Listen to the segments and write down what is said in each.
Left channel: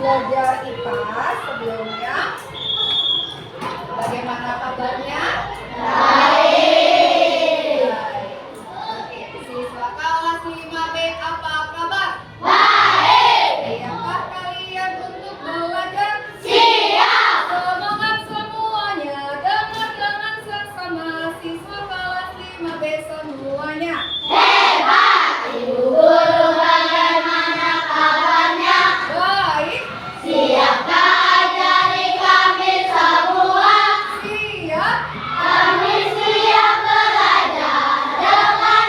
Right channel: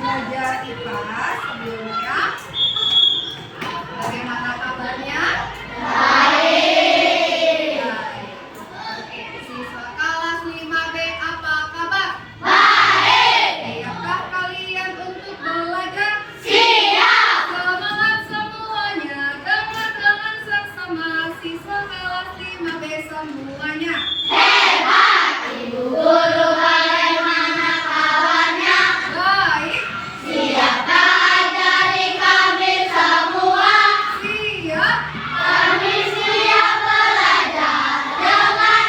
belajar IPA sebelumnya. Bagaimana kabarnya? Baik. Oke, siswa kelas 5B apa kabar? Baik. Siapkah kalian untuk belajar? Siap. Semangat semuanya, dengar dengan seksama siswa kelas 5B semuanya. Hebat. Ibu guru bagaimana kabarnya? Baik. Siapkah ajari kami semua? Siap. Kami siap belajar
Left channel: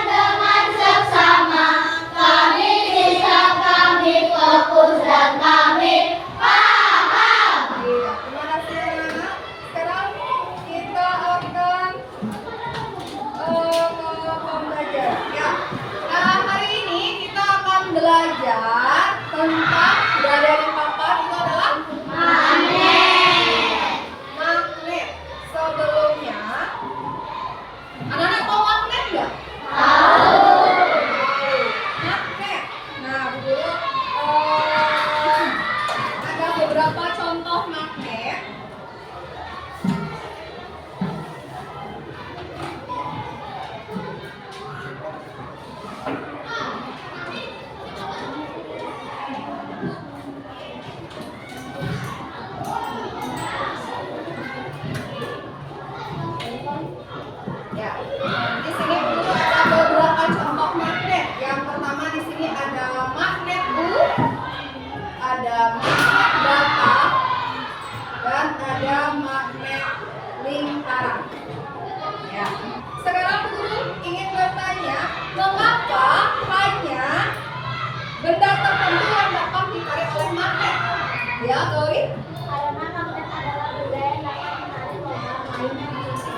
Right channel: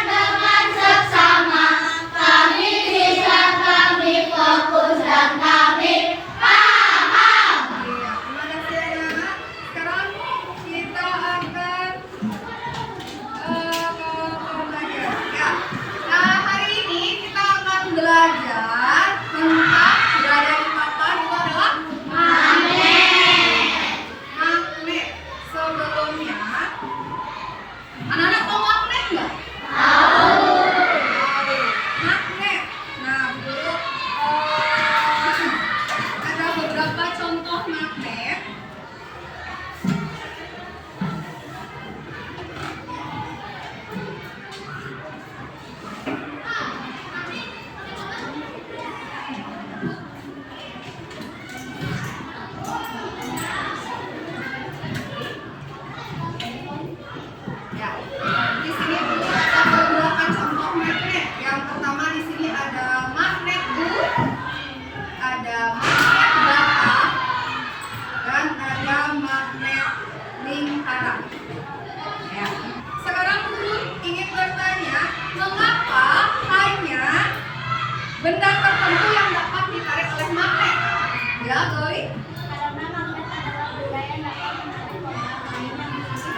dengan seksama. Kami bisa, kami fokus dan kami paham. Iya, terima kasih anak-anak. Sekarang kita akan belajar. Ya. Nah, hari ini kita akan belajar tentang berada di papan itu adalah magnet. Magnet. Sebelumnya, anak-anak tahu magnet nggak? Tahu. Magnet. Nah, dulu ada beberapa contoh magnet. Ya, di sini dulu ada beberapa contoh magnet. Yang pertama di sini ada magnet bulu, ada magnet bata, dan ada magnet lingkaran. Ya. Sekarang dulu ingin bertanya, mengapa hanya benda tertentu yang dapat ditarik oleh magnet? Ya, Dori? Karena magnet adalah benda yang dapat menarik orang lain yang memiliki benda khusus.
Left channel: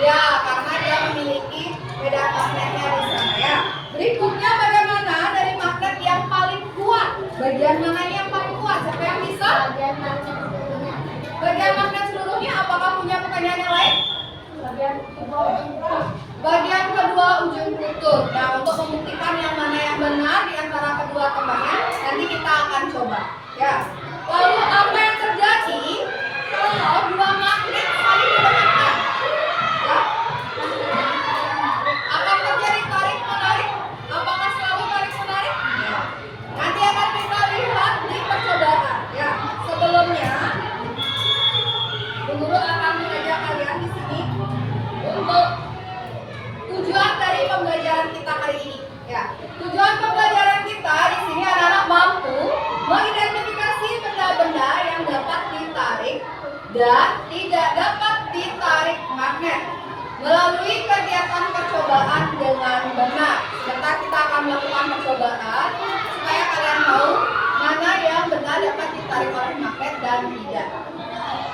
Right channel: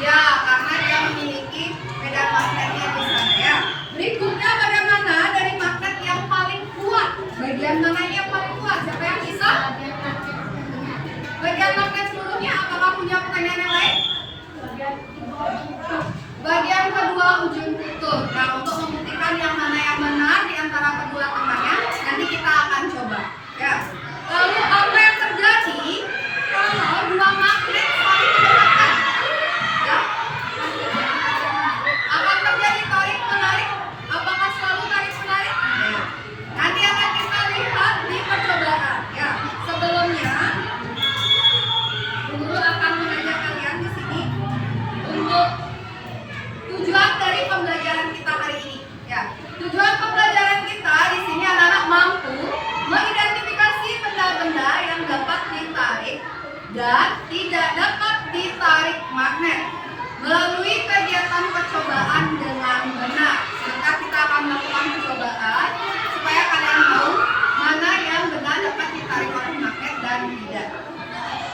Ya, karena dia memiliki medan magnetnya di sana ya. Berikutnya bagaimana dari magnet yang paling kuat? Bagian mana yang paling kuat? Siapa yang bisa? Bagian magnet seluruhnya. Bagian magnet seluruhnya. Apakah punya pertanyaan yang lain? Bagian kedua ujung. Bagian kedua ujung kutub. Nah, untuk membuktikan yang mana yang benar di antara kedua temannya, nanti kita akan coba. Ya. Lalu apa yang terjadi kalau dua magnet saling berdekatan? Ya. Akan terjadi tarik menarik? Apakah selalu tarik menarik? Ya. Nanti akan kita lihat di percobaan. Ya. Sebelumnya, guru akan mengajak kalian di sini untuk tujuan dari pembelajaran kita hari ini. Ya. Tujuan pembelajaran kita di sini anak-anak mampu mengidentifikasi benda-benda yang dapat ditarik dan tidak dapat ditarik magnet melalui kegiatan percobaan dengan benar. Sebentar kita akan melakukan percobaan supaya kalian tahu mana yang benar dapat ditarik oleh magnet dan tidak.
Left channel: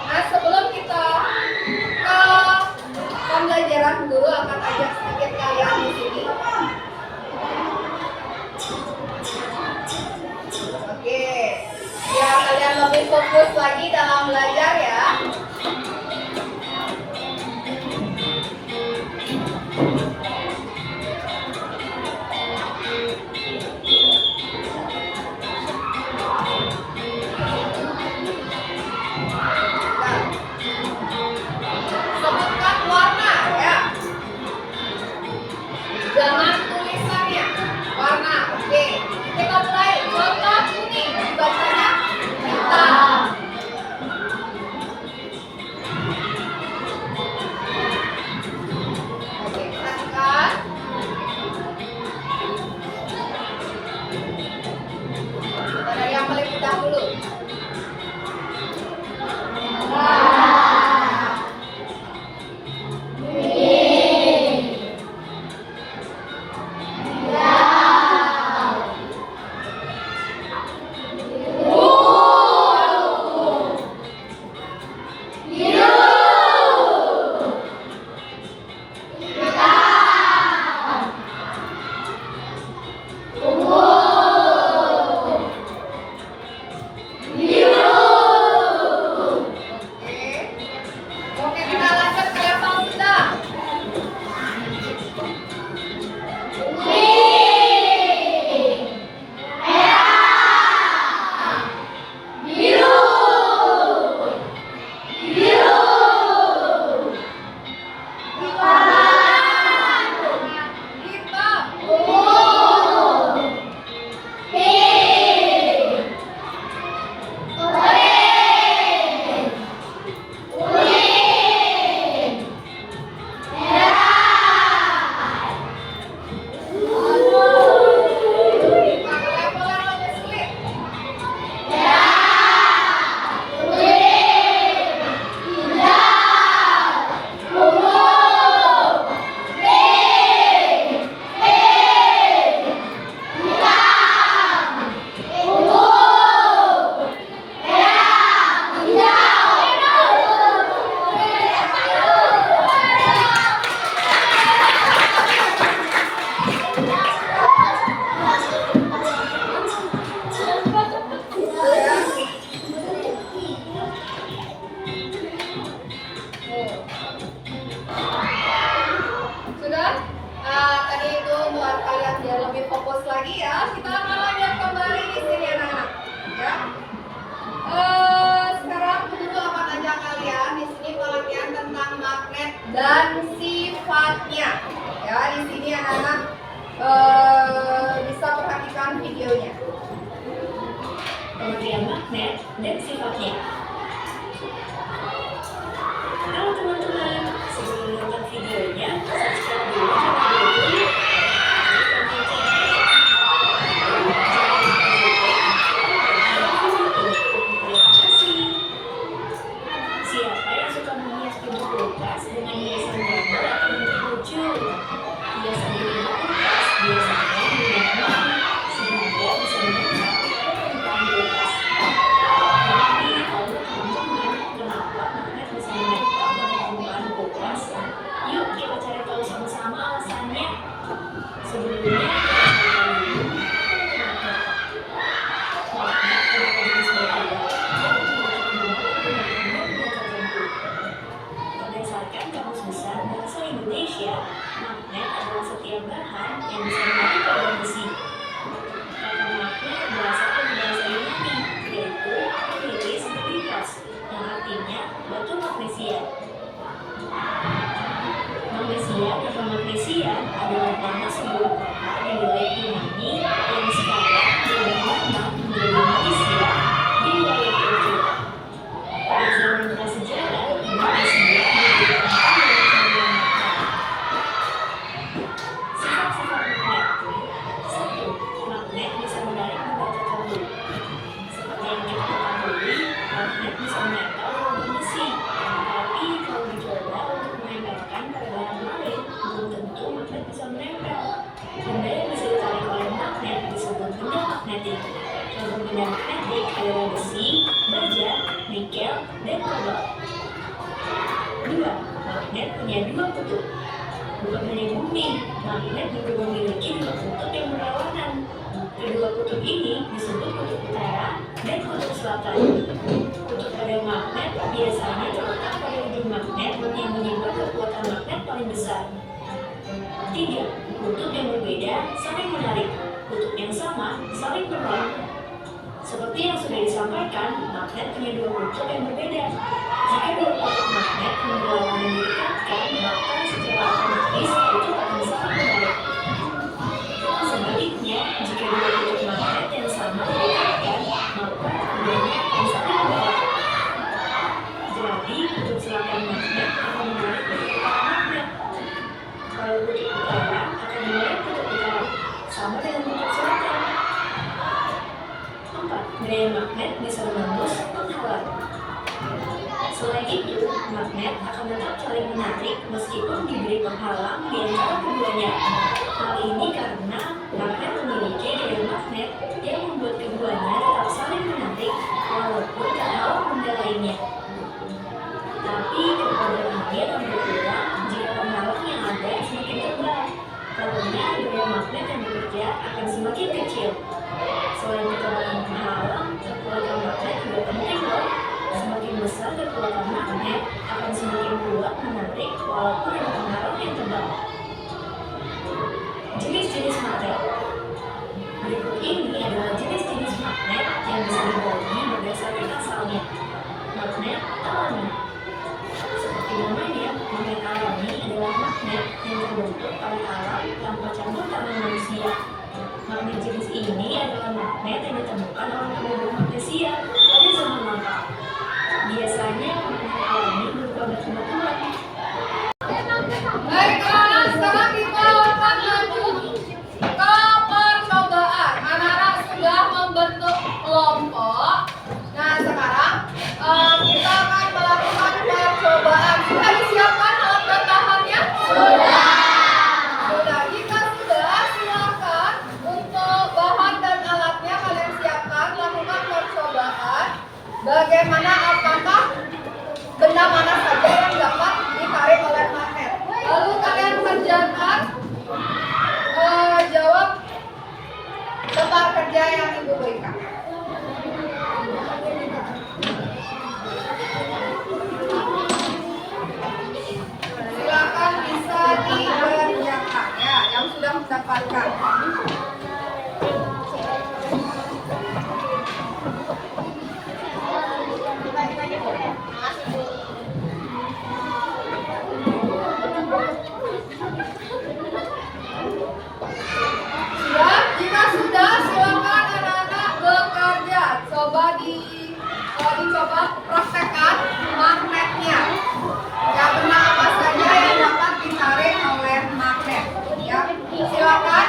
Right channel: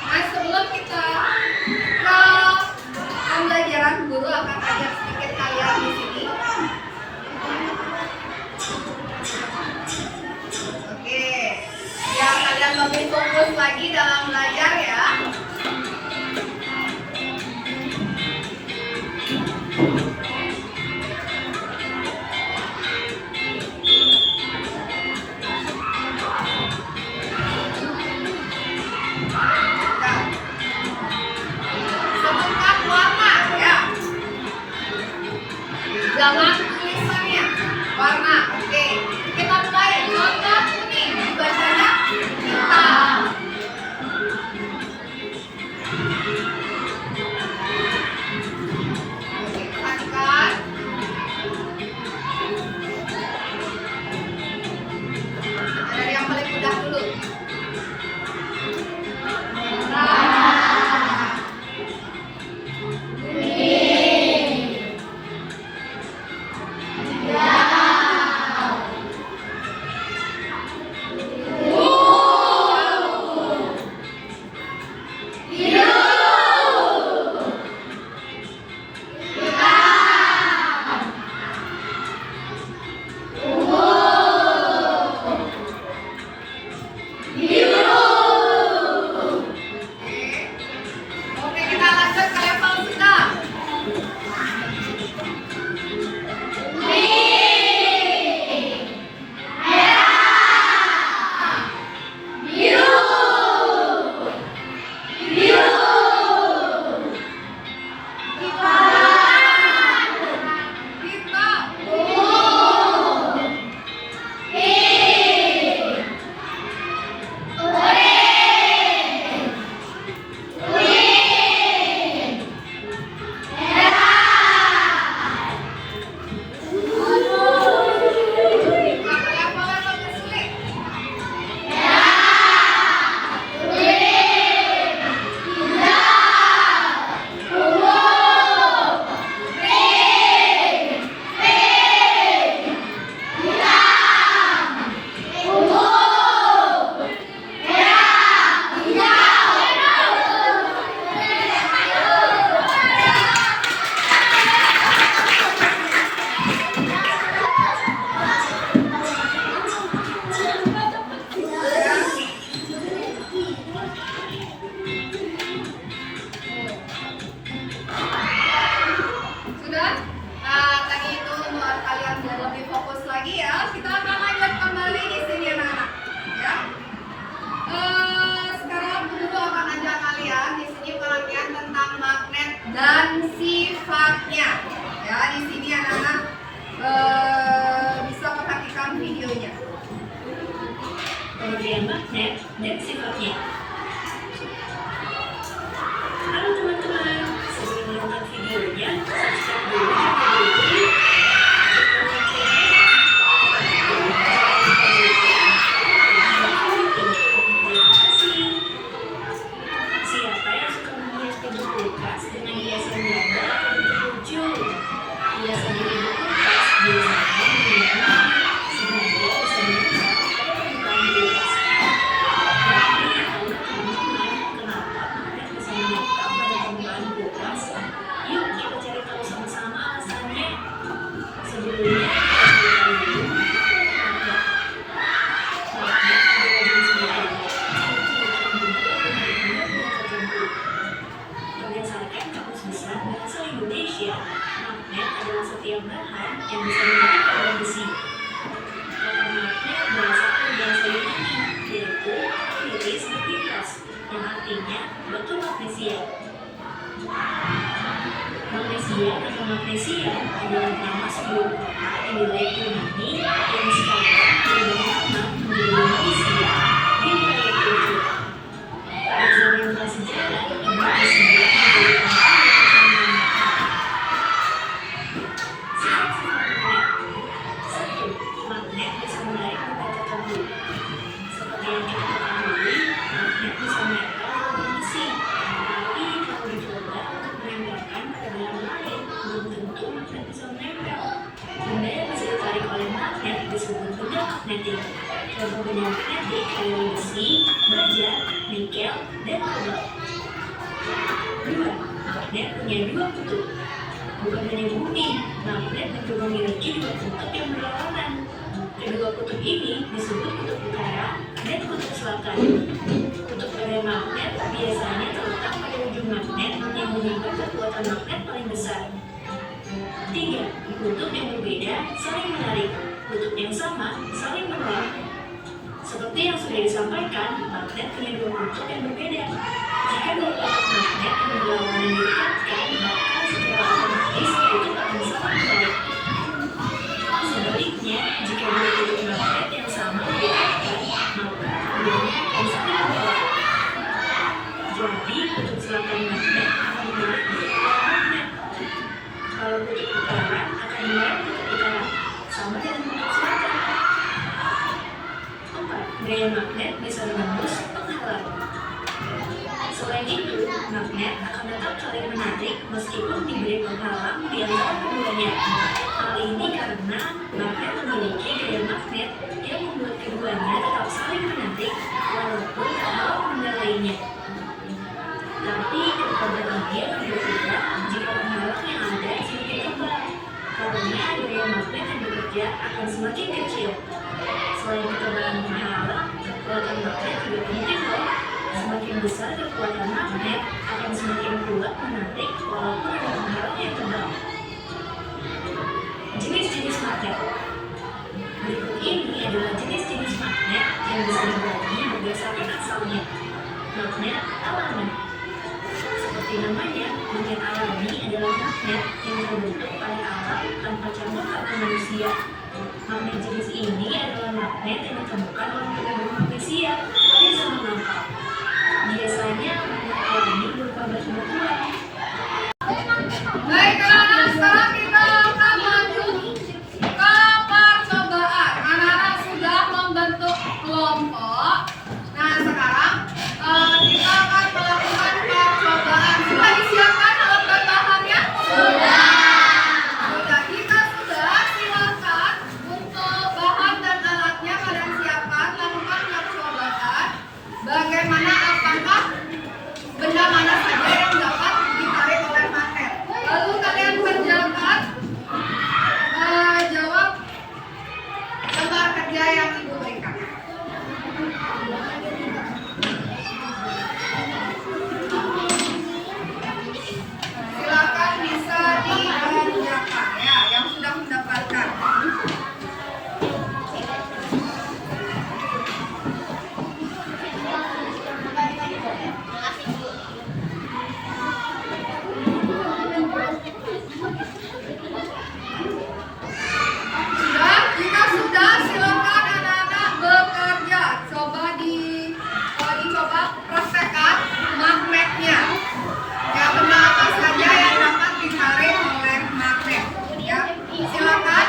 Nah, sebelum kita ke pembelajaran, guru akan ajak sedikit kalian di sini. Oke, biar kalian lebih fokus lagi dalam belajar ya. Sebutkan warna ya. Jangan tulisannya. Warna. Oke. Kita mulai. Contoh kuning dibacanya hitam. magnet dan sifatnya. Halo teman-teman, sebelum menonton videonya, subscribe dulu channel ini. Terima kasih. Siapa yang suka menghias pintu kulkas dengan hiasan gambar atau bentuk lucu? Hiasan di pintu kulkas biasanya menggunakan sehingga bisa menempel pada permukaan kulkas. Tapi kalau teman-teman, kenapa magnet bisa menempel pada permukaan kulkas? Yuk kita cari tahu sama-sama alasannya. Sebelumnya kita cari tahu dulu magnet. Magnet adalah jenis benda yang berdasarkan Kamus Besar Bahasa Indonesia, magnet adalah setiap bahan yang bisa menarik logam besi. Kata magnet berasal dari bahasa Yunani, yaitu Philis magnetos, yang artinya batu magnesia. Magnesia atau magnesia adalah nama sebuah kota di wilayah Yunani yang sekarang berubah nama menjadi Malaysia di wilayah Turki. Pada zaman prasejarah, magnesia menjadi tempat yang sifat-sifat magnet. 1. Magnet bisa menarik benda tertentu. Seperti yang kita ketahui, magnet bisa menempel logam besi. Tapi kalau dicoba untuk menempelkan pada barang lain, belum tentu magnet bisa menempel. Benda yang bisa ditarik oleh magnet disebut benda magnetik. Contoh benda magnetik adalah besi, baja, nikel, dan kobalt. 2. Magnet punya dua kutub. Bukan hanya bumi, magnet juga memiliki dua kutub yang berlawanan. Kedua kutub ini disebut kutub utara dan kutub selatan. Kutub pada magnet biasanya terletak pada ujung magnet yang menyebabkan kekuatan magnet paling besar. 3. Kutub yang berbeda saling menarik. Kutub yang sama saling menolak. Seperti yang sudah disampaikan, magnet punya dua kutub yang berbeda. Jika dua kutub magnet yang berlawanan didekatkan, maka secara otomatis kutub akan saling menarik. Sebaliknya, jika dua kutub magnet yang sama didekatkan, maka keduanya akan saling menolak. Jadi, kutub selatan magnet akan menarik kutub utara magnet. Kalau kutub utara akan menarik kutub utara, sama dengan kutub selatan. 4. Gaya magnet bisa menembus penghalang. Selain itu, magnet akan tetap saling menarik meskipun diberi penghalang di antara keduanya. Hal ini karena magnet memiliki gaya magnet yang membuat keduanya tetap saling menarik walaupun terhalang benda lainnya. Tapi kekuatan ini akan berkurang jika penghalang yang ada semakin tebal. Karena gaya magnet yang bekerja akan semakin kecil. Selain ketebalan penghalang, kekuatan magnet juga penting loh. Semakin besar kekuatan magnet akan semakin kuat menarik walaupun ada penghalang yang tebal. Jenis-jenis magnet. Berikut ini adalah jenis-jenis magnet yang bisa dibagi berdasarkan asalnya. Magnet alami. Seperti namanya, magnet alami adalah magnet yang terbentuk pada alam tanpa campur tangan manusia. Magnet jenis ini adalah magnet yang ditemukan oleh peneliti magnesia pada zaman lampau. Biasanya magnet alami berupa batu batuan. Baik anak-anak, sekarang kita akan maju ke percobaan. Anak-anak sudah membentuk kelompok. Nah sekarang kita akan melakukan percobaan. Sudah disiapkan alat dan bahannya? Sudah. Jika sudah, silakan untuk bahan dan alatnya kalian siapkan. Lakukan percobaan. Bagaimana apakah benda mana saja yang dapat ditarik oleh magnet. Lalu kalian kerjakan jawab lembar kerja yang ibu berikan. Silakan bisa dikerjakan ya yang sudah mendapatkan. Sudah? Jika sudah, silakan anak-anak bekerja. praktekkan magnetnya. Ya, benda apa saja yang dapat ditarik oleh magnet. Ya, silakan.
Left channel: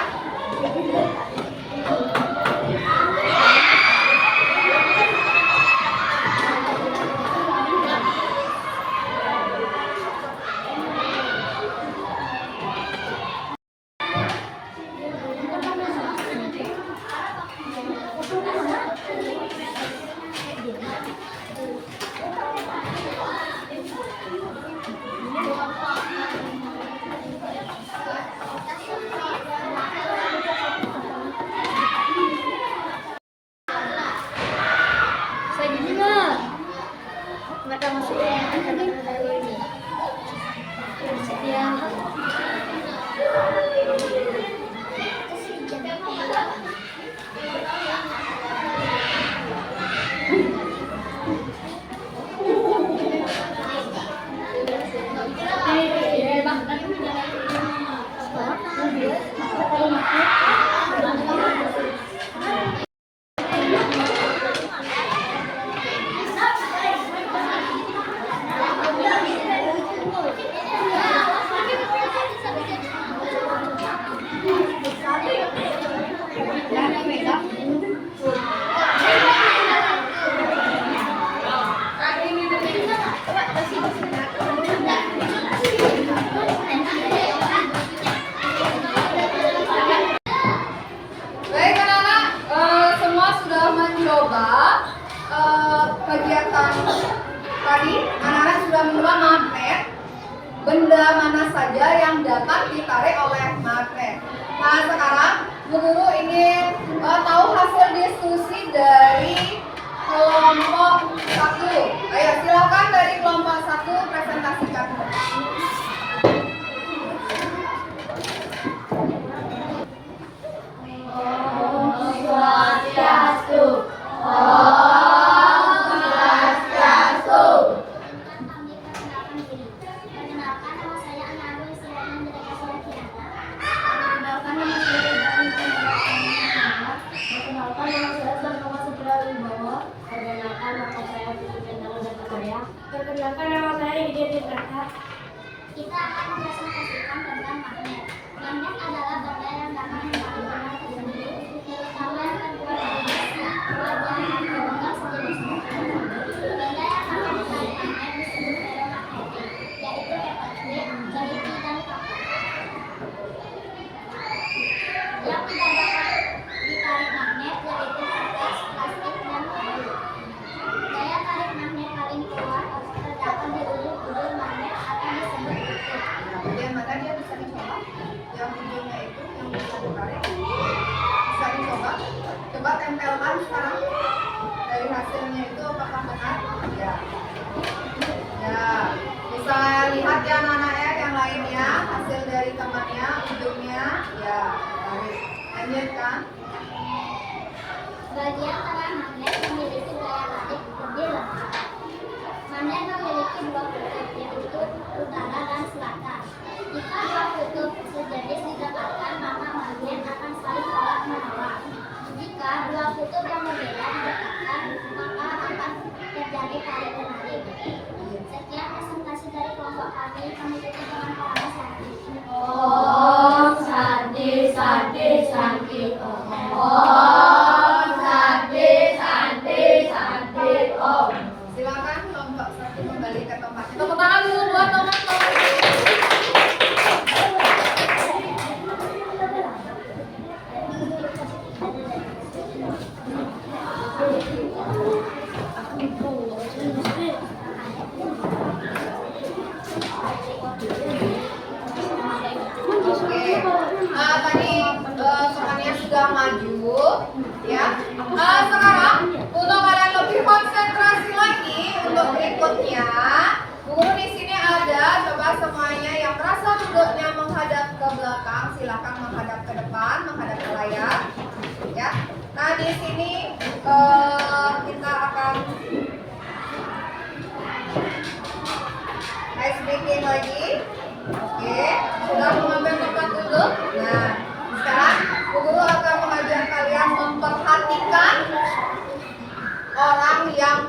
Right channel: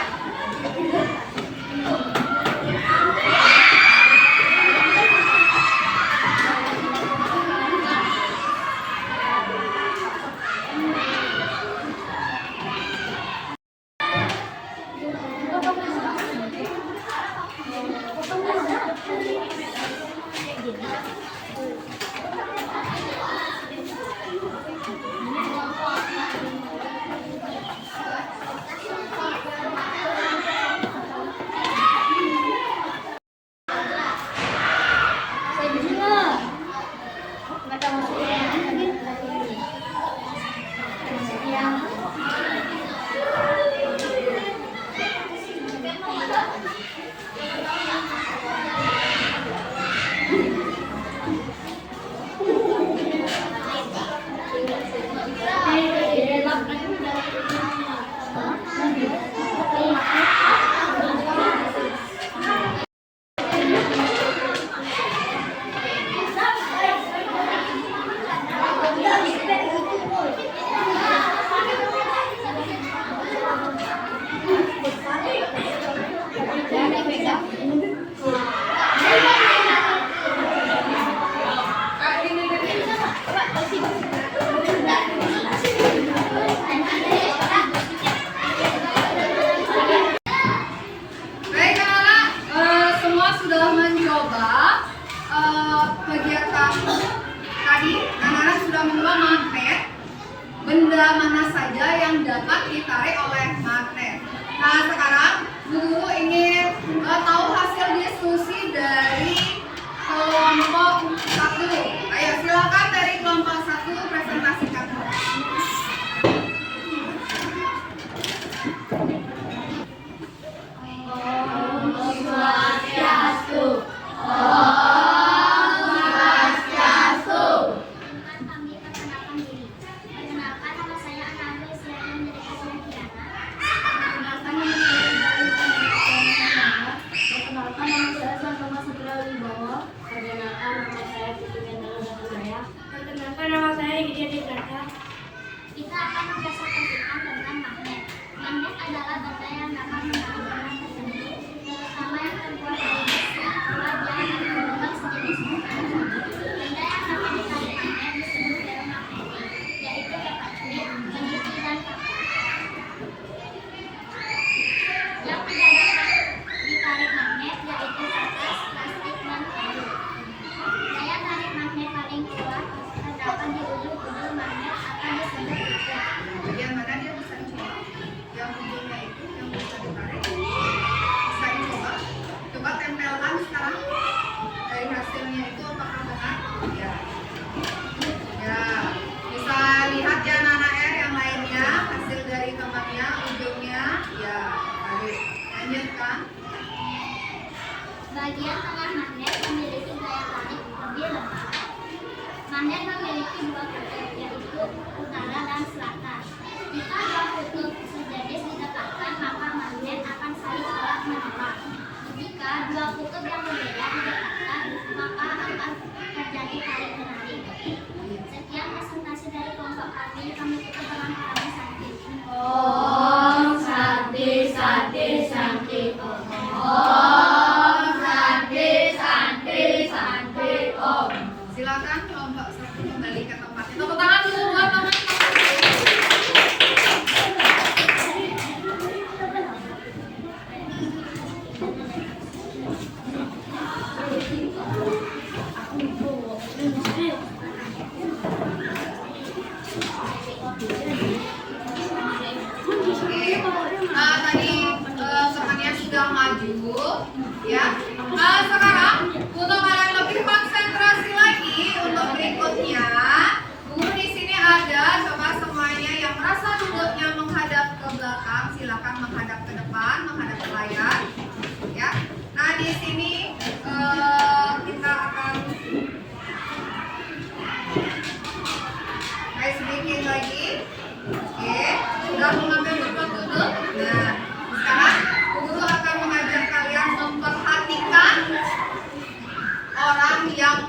Baik anak-anak, semua sudah mencoba kegiatan tadi. Anak-anak sudah mencoba magnet. Benda mana saja yang dapat ditarik oleh magnet. Nah, sekarang Bu Guru ingin tahu hasil diskusi dari kelompok 1. Ayo, silakan dari kelompok 1 presentasikan. Kami perkenalkan diri. Perkenalkan, nama saya Anarul Istiawan dari Kasulan Kirana. Perkenalkan, nama saya Ibrahim Muhammad. Perkenalkan, nama saya Sanoma Sutra Wibowo. Perkenalkan,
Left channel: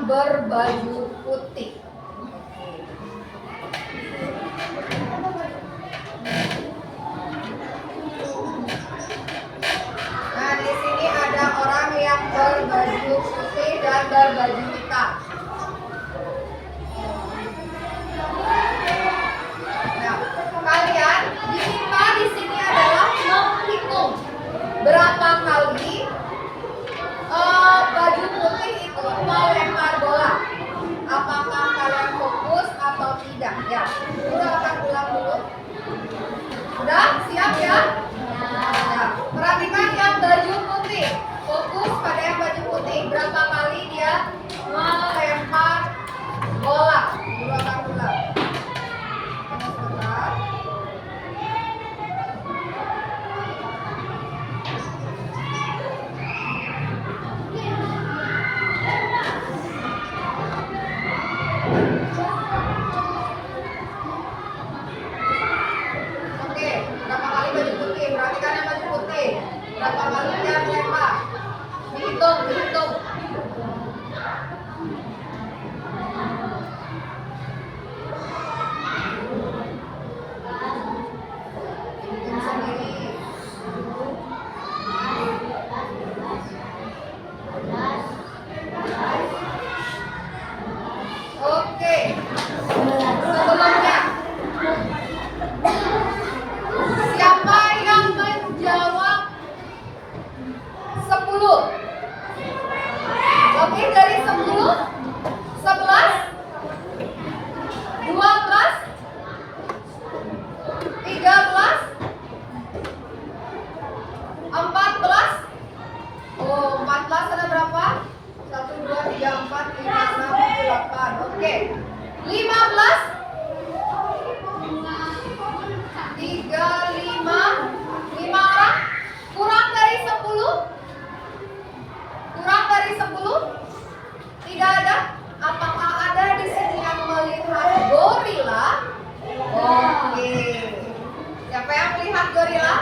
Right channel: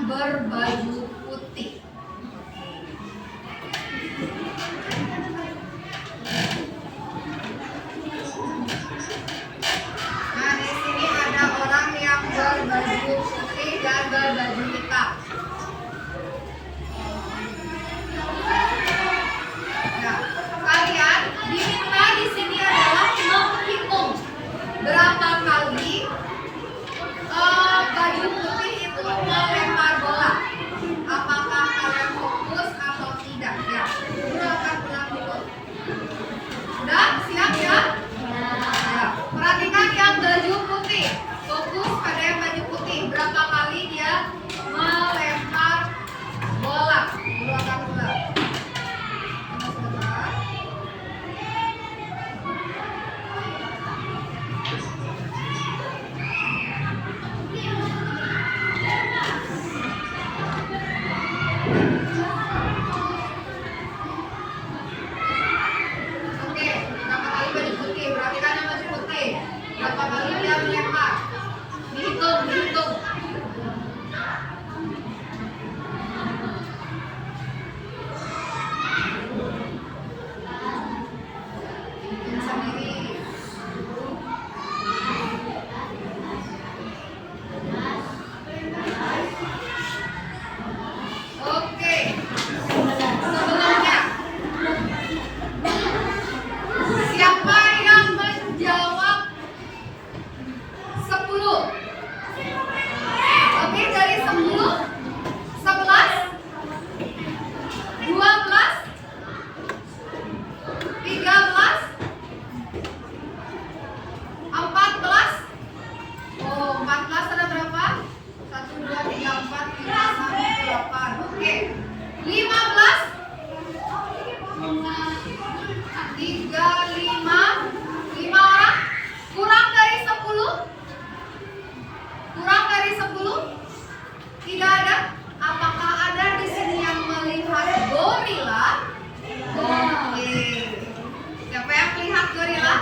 berbaju putih. Nah, di sini ada orang yang berbaju putih dan berbaju hitam. Nah, kalian diminta di sini adalah menghitung berapa kali baju putih itu melempar bola. Apakah kalian fokus atau tidak? Ya, Guru akan ulang dulu. Sudah siap ya? Ya, perhatikan yang baju putih. Fokus pada yang baju putih. Berapa kali dia melempar bola? Guru akan ulang. Sebentar. Oke, berapa kali baju putih? Perhatikan yang baju putih. Berapa kali dia melempar? Dihitung, dihitung. Hitung sendiri. Oke. Sebelumnya, siapa yang menjawab 10? Oke, dari 10, 11, 12, 13, 14. Oh, 14 ada berapa? 1, 2, 3, 4, 5, 6, 8. Oke. 15, 35, 5 orang. Kurang dari 10? Kurang dari 10? Tidak ada? Apakah ada di sini yang melihat gorila? Oke. Siapa yang melihat gorila?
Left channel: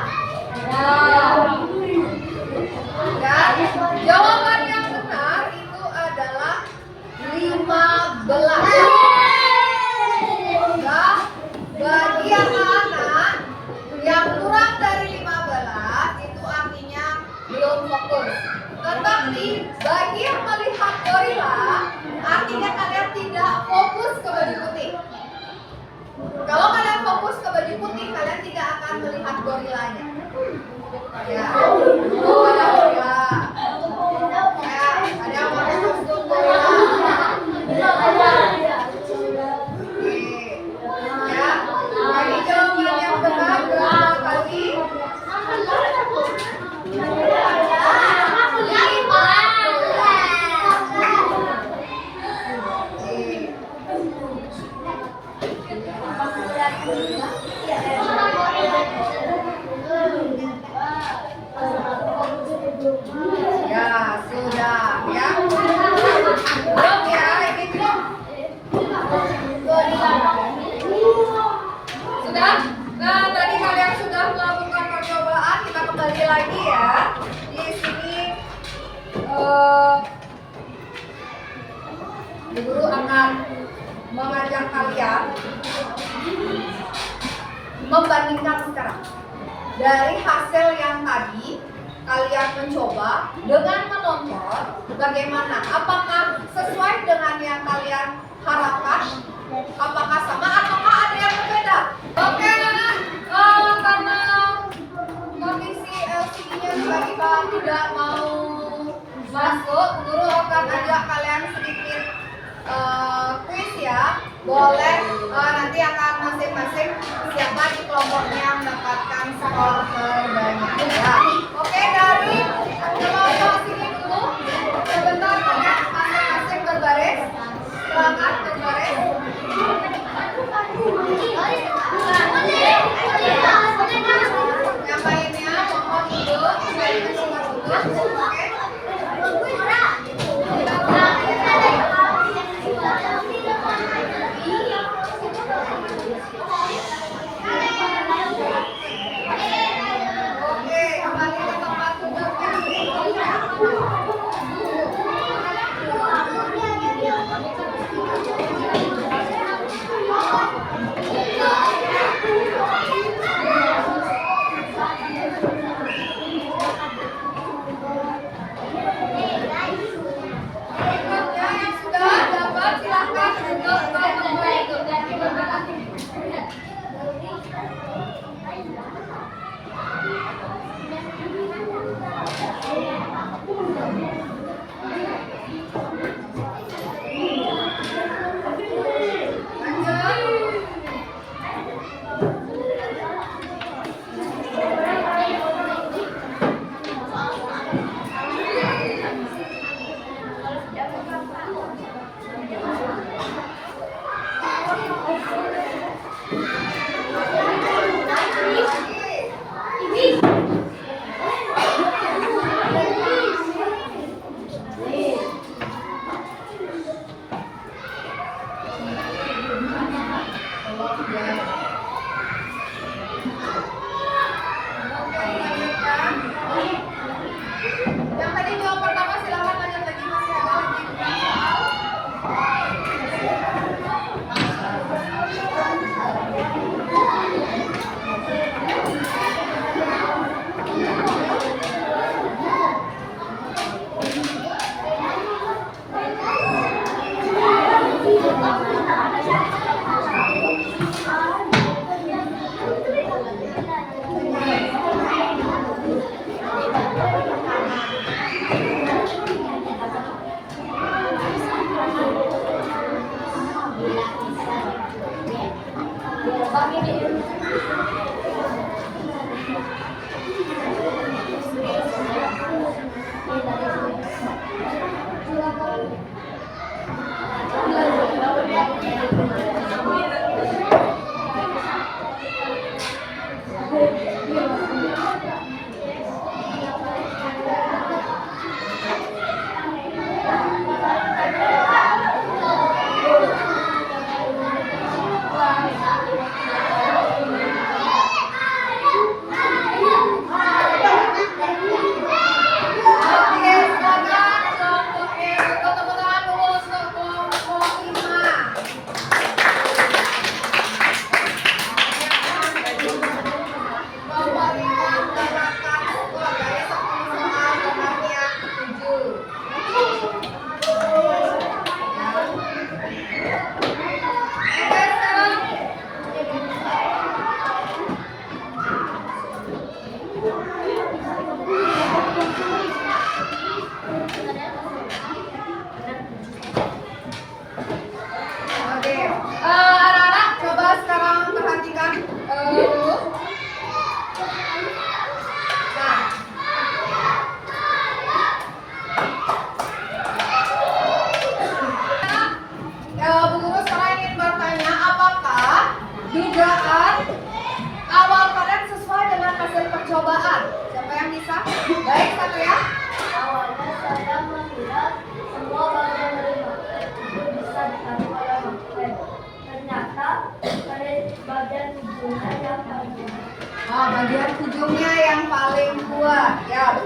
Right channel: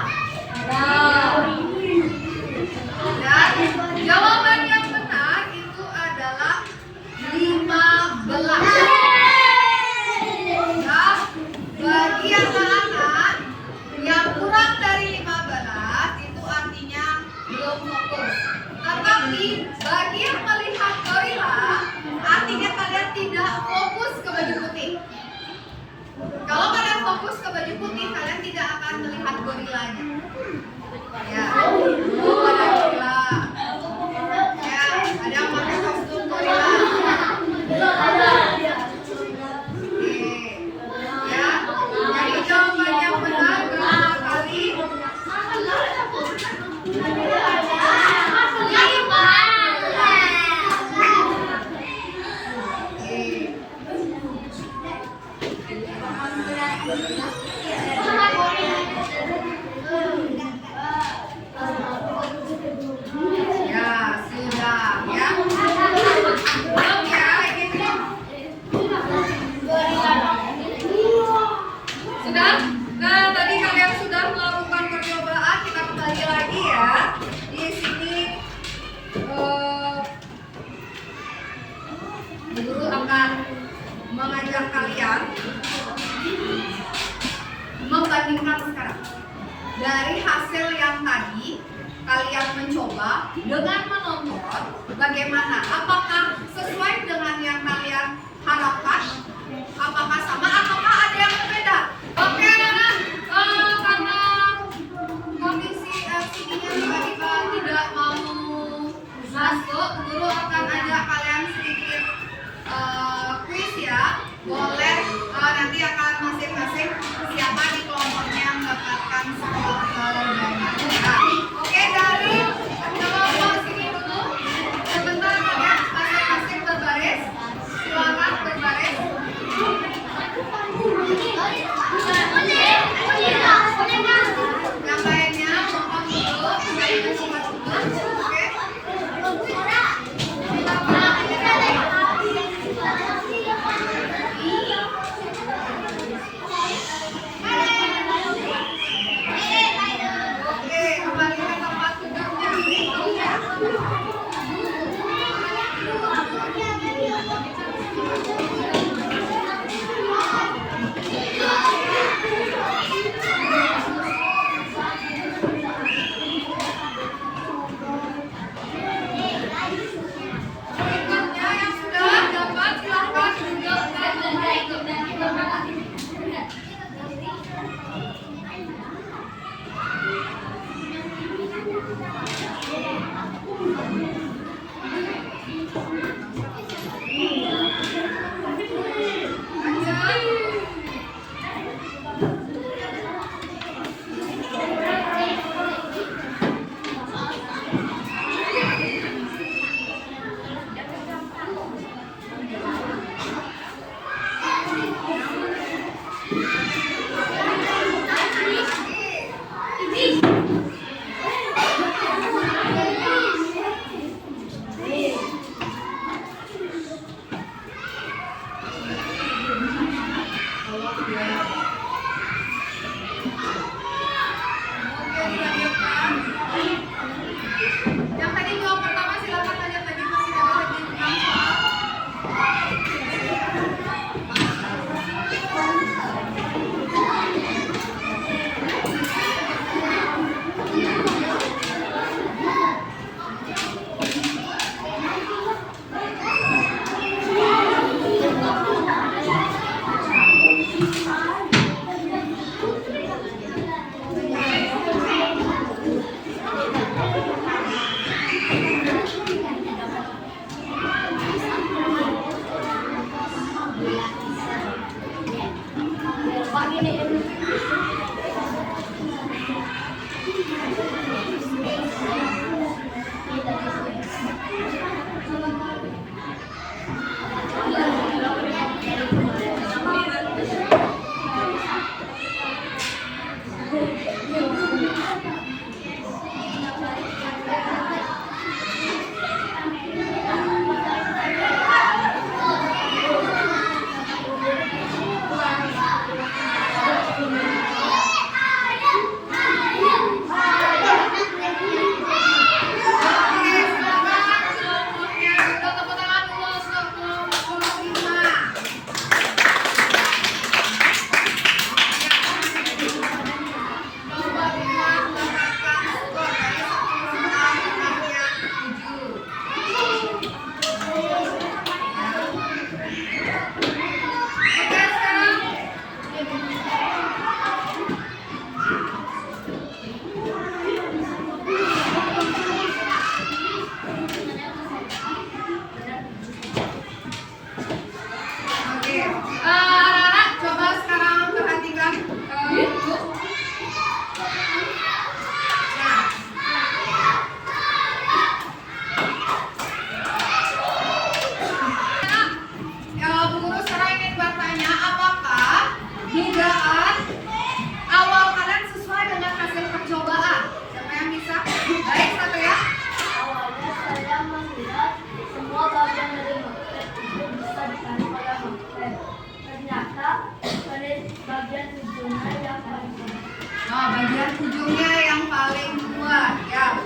Dan jawaban yang benar itu adalah 15. Nah, bagi anak-anak yang kurang dari 15 itu artinya belum fokus. Tetapi bagi yang melihat gorila, artinya kalian tidak fokus ke baju putih. Kalau kalian fokus ke baju putih, kalian tidak akan melihat gorilanya. Ya, ada gorila. Ya, ada yang pakai kostum gorila. Oke. Ya, jadi jawaban yang benar berapa kali? 15. Ya, sudah ya. Belum ya, ini belum. Sudah? Nah, tadi kalian sudah melakukan percobaan, kita kembali lagi ya. Di sini guru akan mengajak kalian membandingkan sekarang. Dari hasil yang tadi kalian mencoba dengan menonton bagaimana, apakah sesuai dengan yang kalian harapkan, apakah sama ataukah ada yang berbeda. Oke anak-anak, karena kondisi LCD-nya tiba-tiba tidak mau masuk, guru akan ajak kalian sedikit kuis ya. Boleh nanti akan masing-masing siapa di kelompoknya mendapatkan skor terbanyak ya. Oke, dari coba sini dulu. Sebentar kalian masing-masing berbaris. Silakan berbaris. Yang lainnya mohon dulu, saya singkat dulu. Oke.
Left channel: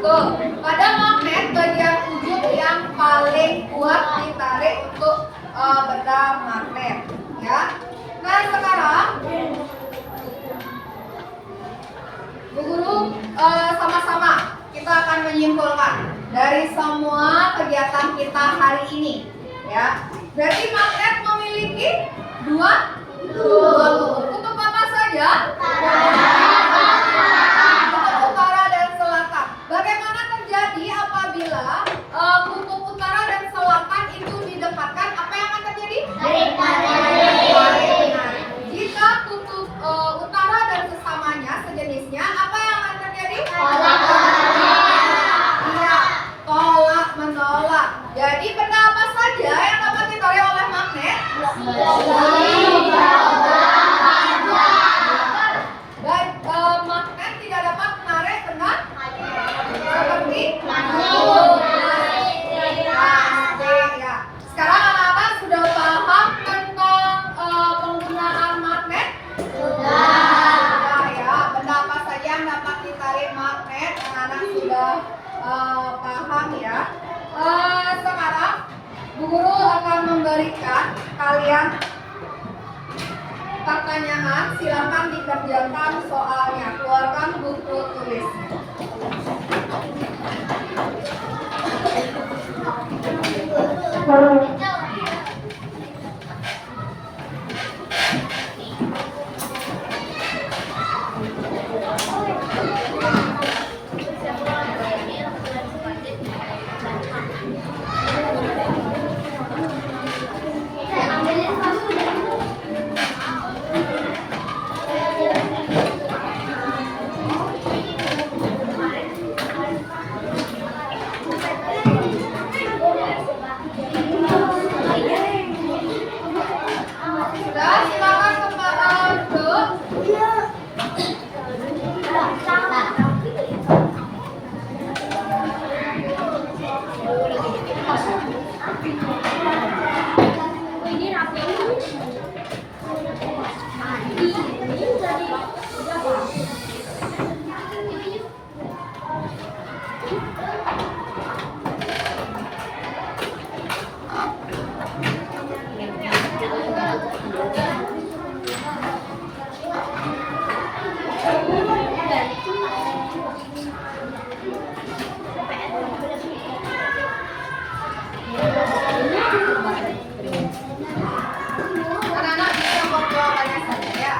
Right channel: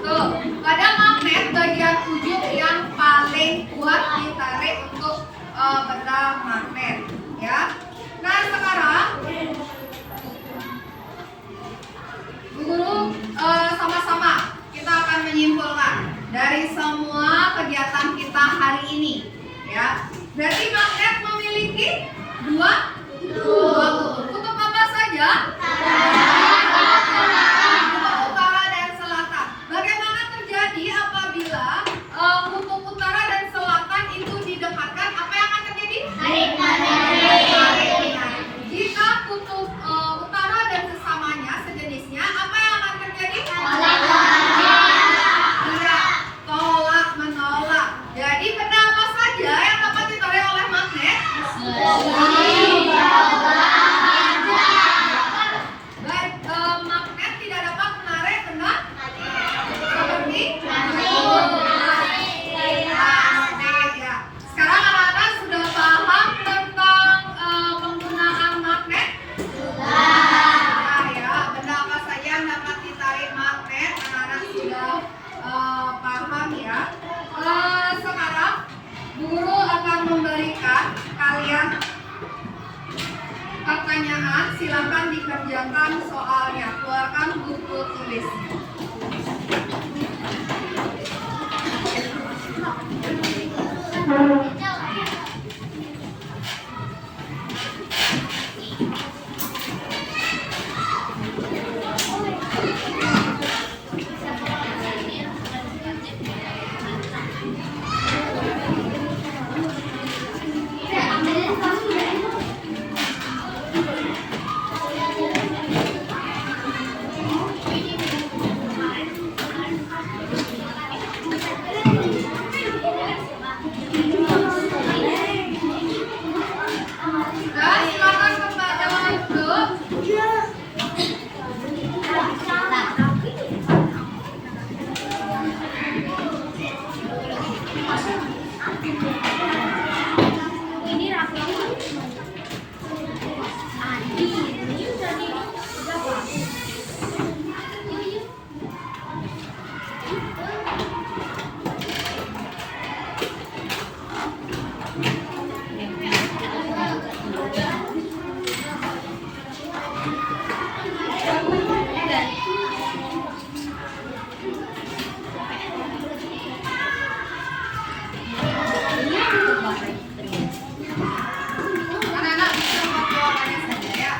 Tuh, pada magnet bagian ujung yang paling kuat ditarik untuk benda magnet, ya. Nah sekarang Bu Guru sama-sama kita akan menyimpulkan dari semua kegiatan kita hari ini, ya. Berarti magnet memiliki dua kutub. Kutub apa saja? Kutub utara dan selatan. Bagaimana terjadi apabila kutub utara dan selatan itu didekatkan? Apa yang akan terjadi? Tarik menarik. Jika kutub utara dan sesamanya sejenisnya, apa yang akan terjadi? Tolak menolak. Jadi benda apa saja yang dapat ditarik oleh magnet? Baik, magnet tidak dapat menarik benda seperti plastik, ya. Sekarang anak-anak sudah paham tentang penggunaan magnet? Sudah, ya. Benda apa saja yang dapat ditarik magnet? Anak-anak sudah paham, ya. Sekarang Bu Guru akan memberikan kalian pertanyaan, silakan dikerjakan soalnya, keluarkan buku tulisnya. Sudah, silakan kembali duduk. Anak-anak bisa buat jawabannya saja, ya.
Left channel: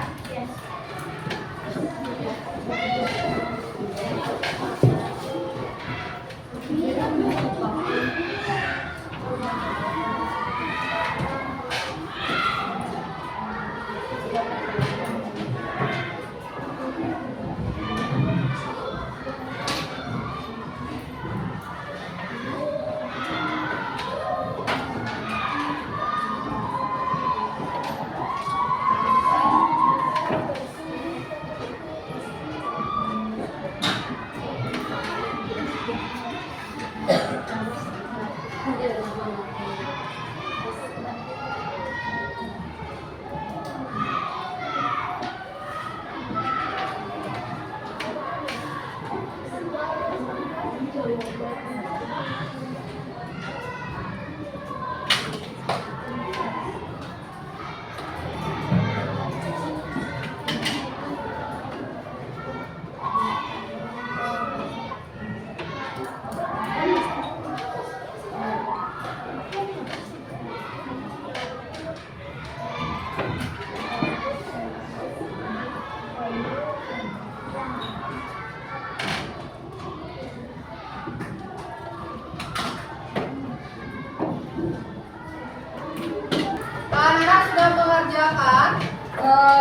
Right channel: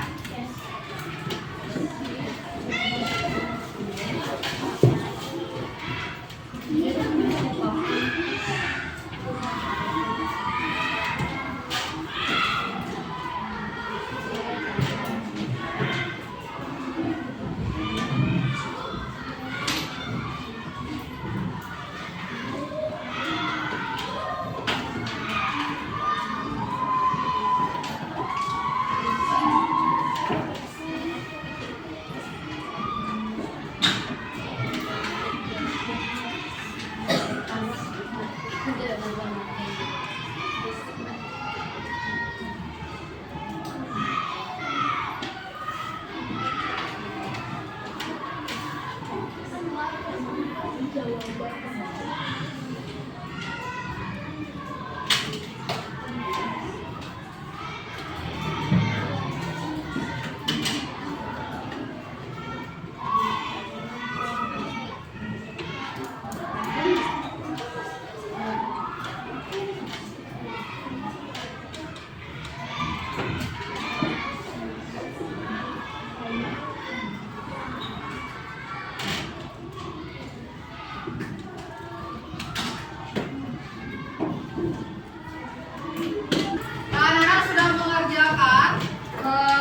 Anak-anak sudah mengerjakan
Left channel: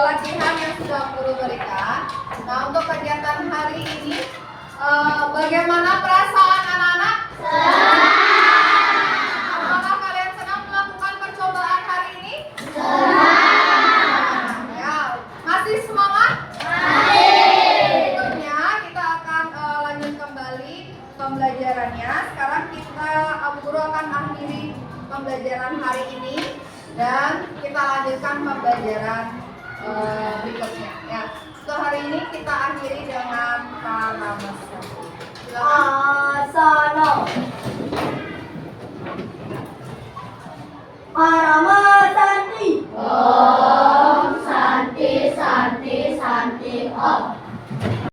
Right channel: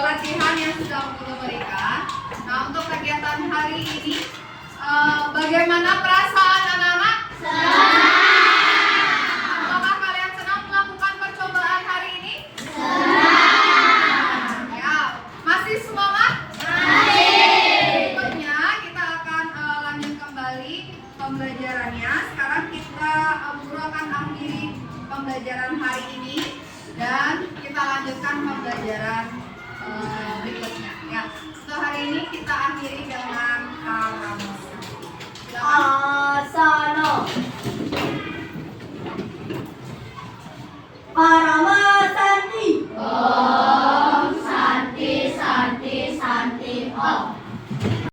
latihan yang sudah Guru berikan. Nah, untuk kegiatan hari ini, bagaimana perasaan anak-anak? Apakah kalian senang melakukan percobaan hari ini? Ya, masih semangat? Berikutnya kita akan lanjut kembali pembelajarannya. Sekarang Guru akan akhiri pembelajaran hari ini dan kita lanjutkan pembelajaran berikutnya, ya. Untuk hari ini kita akhiri dengan paramus.